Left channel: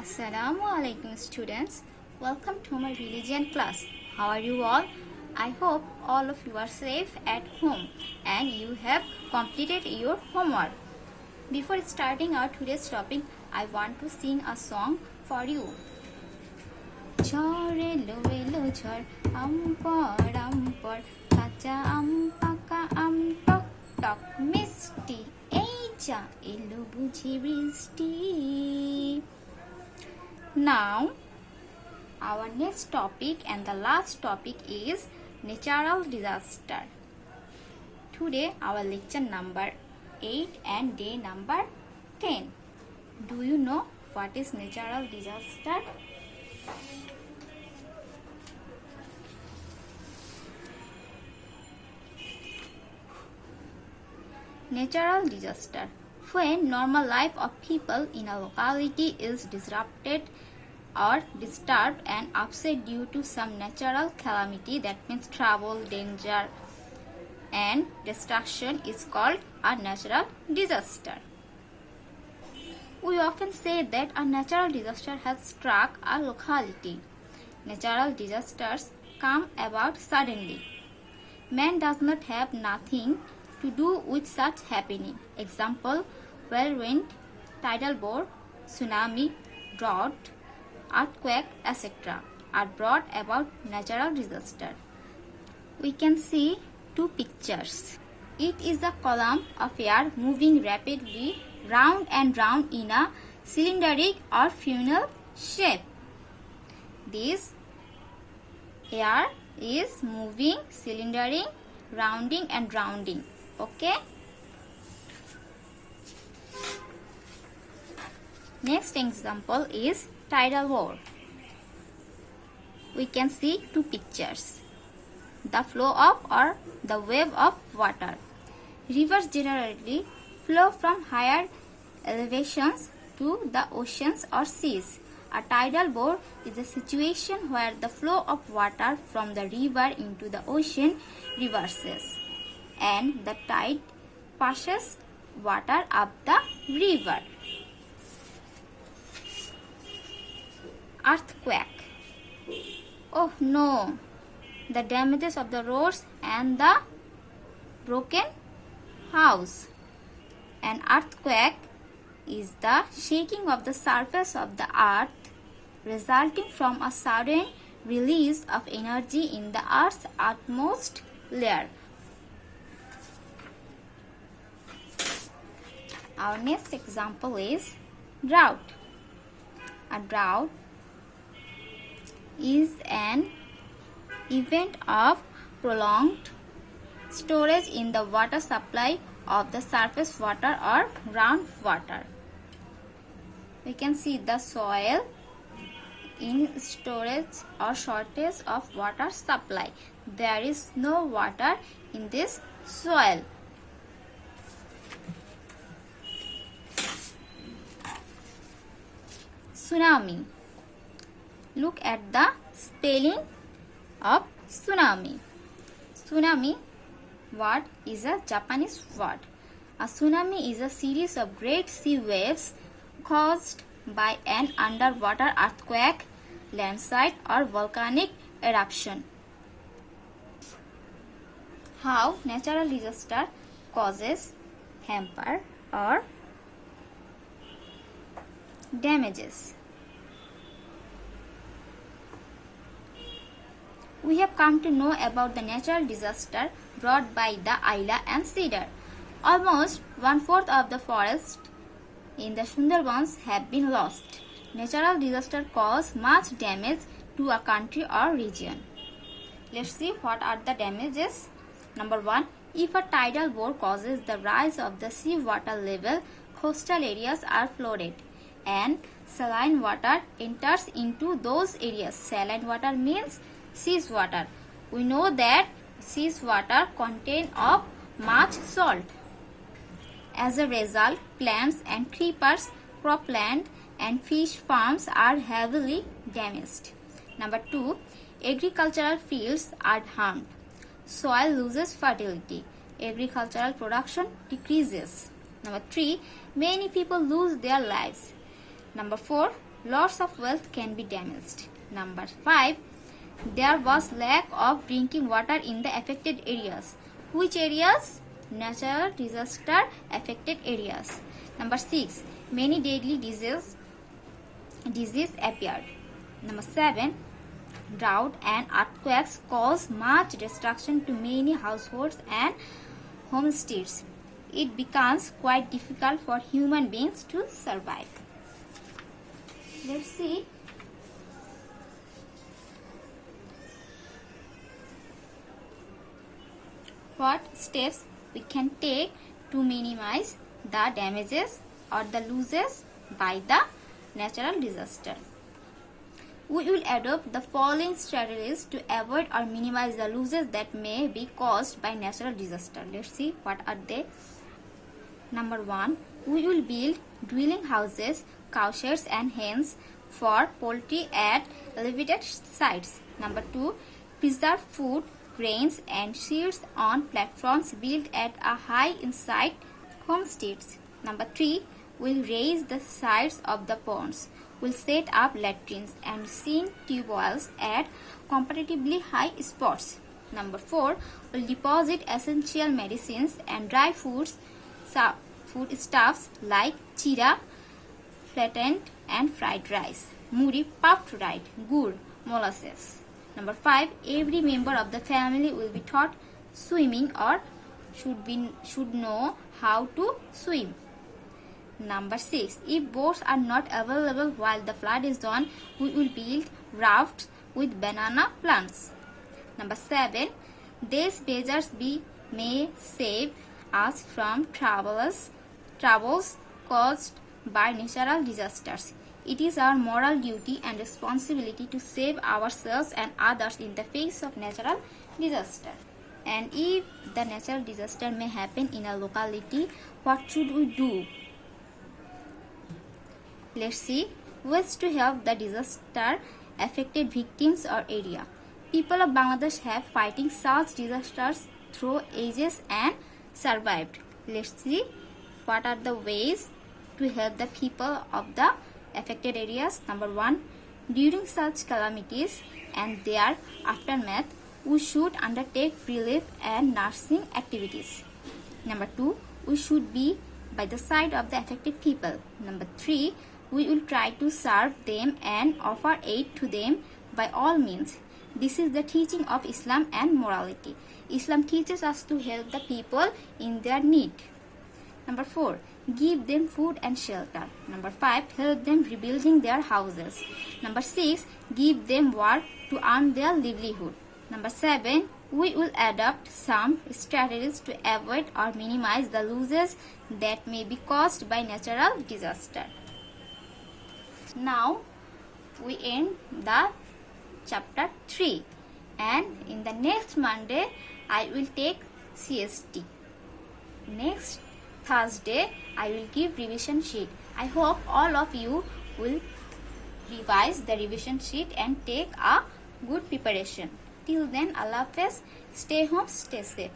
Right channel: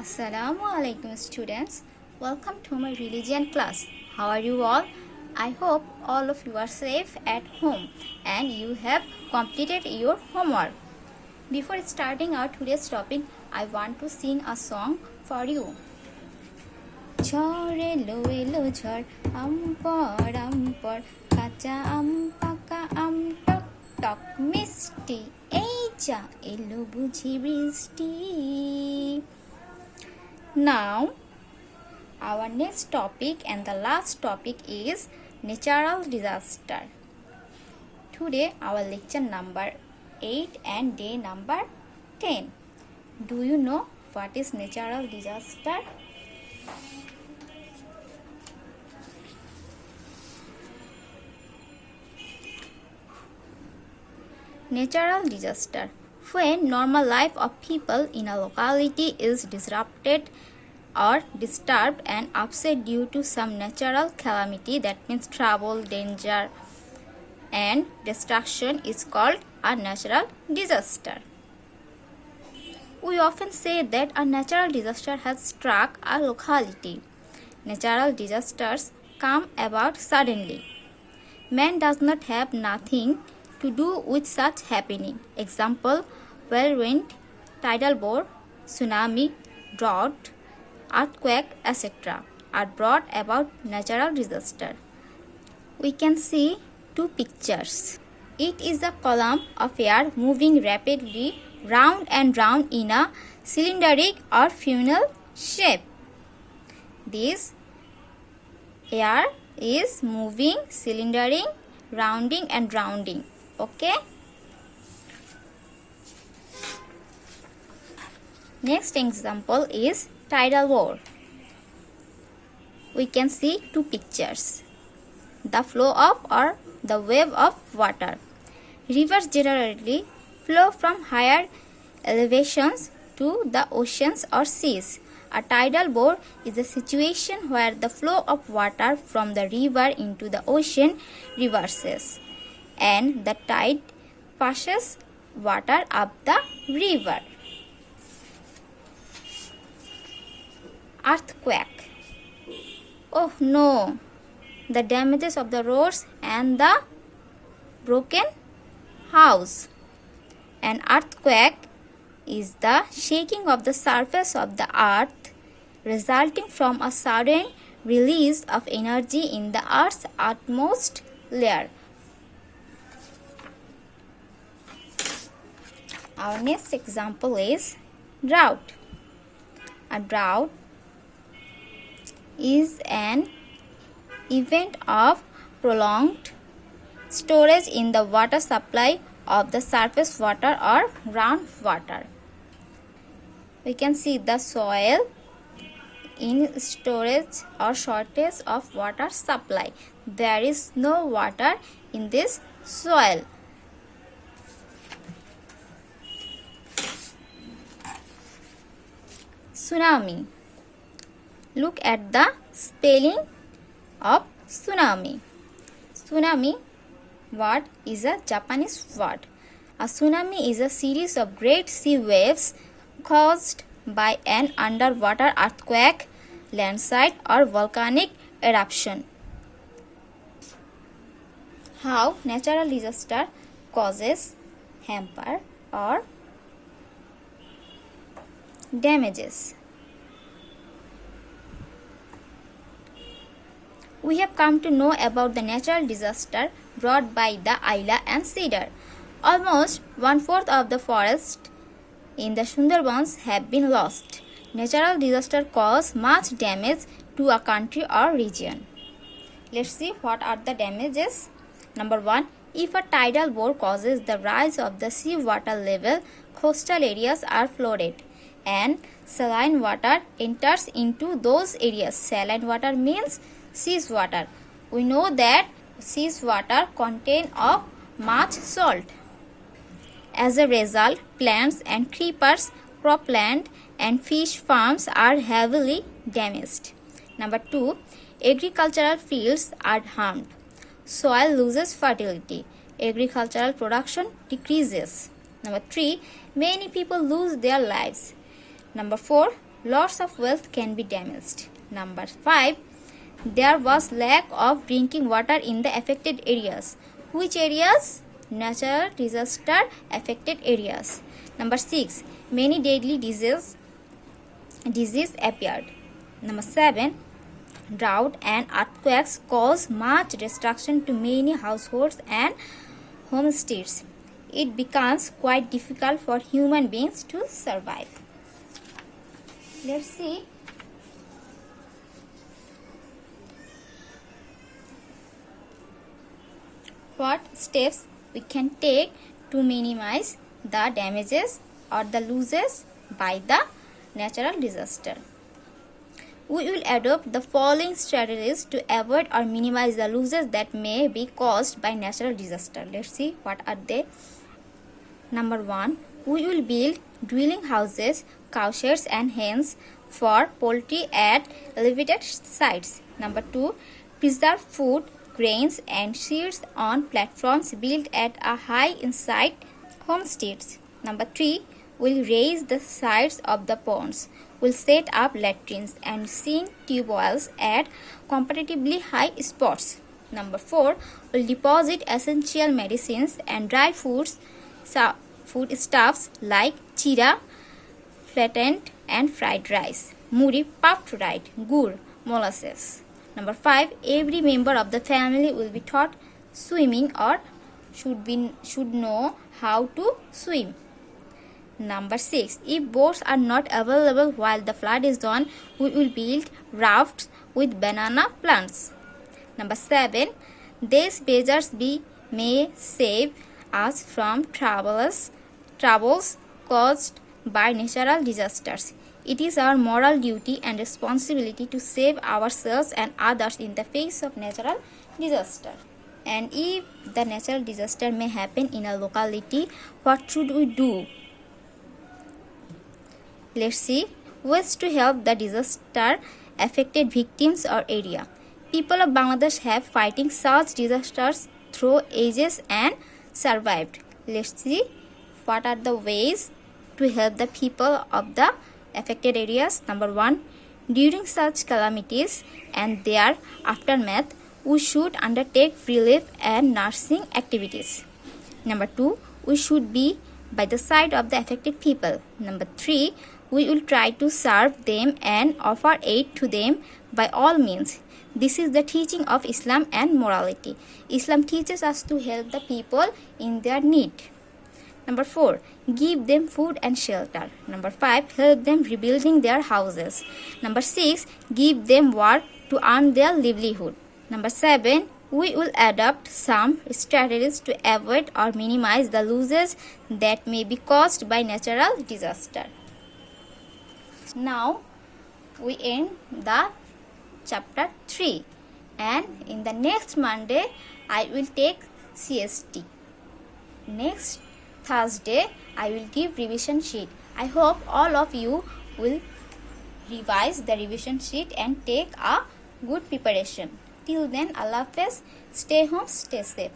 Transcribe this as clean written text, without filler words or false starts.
Assalamu alaikum students. Welcome to my religion class. How are you all? I hope all of you are safe at home and you have completed your homework. Before starting our today's topic, I want to sing a song for you. ঝড় এলো এলো ঝড় আম্পর কাঁচা আম পাকা আম টক টক মিষ্টি এই যা এলো বুঝি বৃষ্টি. Now, our next topic and the last topic is natural disaster. Today, our lecture number 8 and day number 10. Do you know what is natural disaster? Natural disaster. When normal life of people in a locality is disrupted or disturbed and upset due to some natural calamity, that means trouble, danger and destruction, is called a natural disaster. We often say that a natural disaster has struck a locality. Natural disasters come about suddenly. Man does not have nothing to do with such happening. Example, whirlwind, tidal bore, tsunami, drought, earthquake, etc. are brought about natural disaster. We can see two pictures. It is a column of air moving rapidly round and round in a cylindric or funnel shape. This air is moving, cylindering, rounding and rounding. Okay. Next example is tidal bore. We can see two pictures. The flow of or the wave of water. Rivers generally flow from higher elevations to the oceans or seas. A tidal bore is a situation where the flow of water from the river into the ocean reverses and the tide pushes water up the river. Earthquake. Oh no! The damages of the roads and the broken house. An earthquake is the shaking of the surface of the earth resulting from a sudden release of energy in the earth's utmost layer. Our next example is drought. A drought is an event of prolonged storage in the water supply of the surface water or groundwater. We can see the soil in storage or shortage of water supply. There is no water in this soil. Tsunami. Look at the spelling of tsunami. Tsunami word is a Japanese word. A tsunami is a series of great sea waves caused by an underwater earthquake, landslide or volcanic eruption. How natural disaster causes hamper or damages. We have come to know about the natural disaster brought by the Aila and cedar. Almost 1/4 of the forest in the Sundarbans have been lost. Natural disaster cause much damage to a country or region. Let's see what are the damages. Number 1. If a tidal bore causes the rise of the sea water level, coastal areas are flooded and saline water enters into those areas. Saline water means seawater. We know that seawater contain of much salt. As a result, plants and creepers, cropland and fish farms are heavily damaged. Number 2. Agricultural fields are harmed. Soil loses fertility. Agricultural production decreases. Number 3. Many people lose their lives. Number 4. lots of wealth can be damaged. Number 5. There was lack of drinking water in the affected areas. Which areas? Natural disaster affected areas. Number 6. Many deadly disease appeared. Number 7. Drought and earthquakes cause much destruction to many households and homesteads. It becomes quite difficult for human beings to survive. Let's see. What steps we can take to minimize the damages or the losses by the natural disaster. We will adopt the following strategies to avoid or minimize the losses that may be caused by natural disaster. Let's see what are they. Number 1. We will build dwelling houses, cowsheds and hens for poultry at elevated sites. Number 2. Preserve food, grains and seeds on platforms built at a height inside homesteads. Number 3. We'll raise the sides of the ponds. We'll set up latrines and sink tube wells at comparatively high spots. Number 4. We'll deposit essential medicines and dry foodstuffs like chira, flattened and fried rice, muri, puffed rice, gur, molasses. Number 5. Every member of the family will be taught swimming or should know how to swim. Number 6. If boats are not available while the flood is on, we will build rafts with banana plants. Number 7. These measures may save us from troubles caused by natural disasters. It is our moral duty and responsibility to save ourselves and others in the face of natural disaster. And if the natural disaster may happen in a locality, what should we do? Let's see. Ways to help the disaster affected victims or area. People of Bangladesh have fighting such disasters through ages and survived. Let's see what are the ways to help the people of the affected areas. Number 1. During such calamities and their aftermath, we should undertake relief and nursing activities. Number 2. We should be by the side of the affected people. Number 3. We will try to serve them and offer aid to them by all means. This is the teaching of Islam and morality. Islam teaches us to help the people in their need. Number 4. Give them food and shelter. Number 5. Help them rebuilding their houses. Number 6. Give them work to earn their livelihood. Number 7. We will adopt some strategies to avoid or minimize the losses that may be caused by natural disaster. Now we end the chapter 3, and in the next Monday I will take CST. Next Thursday I will give revision sheet. I hope all of you will revise the revision sheet and take a good preparation. Till then, Allah Hafiz. Stay home, stay safe.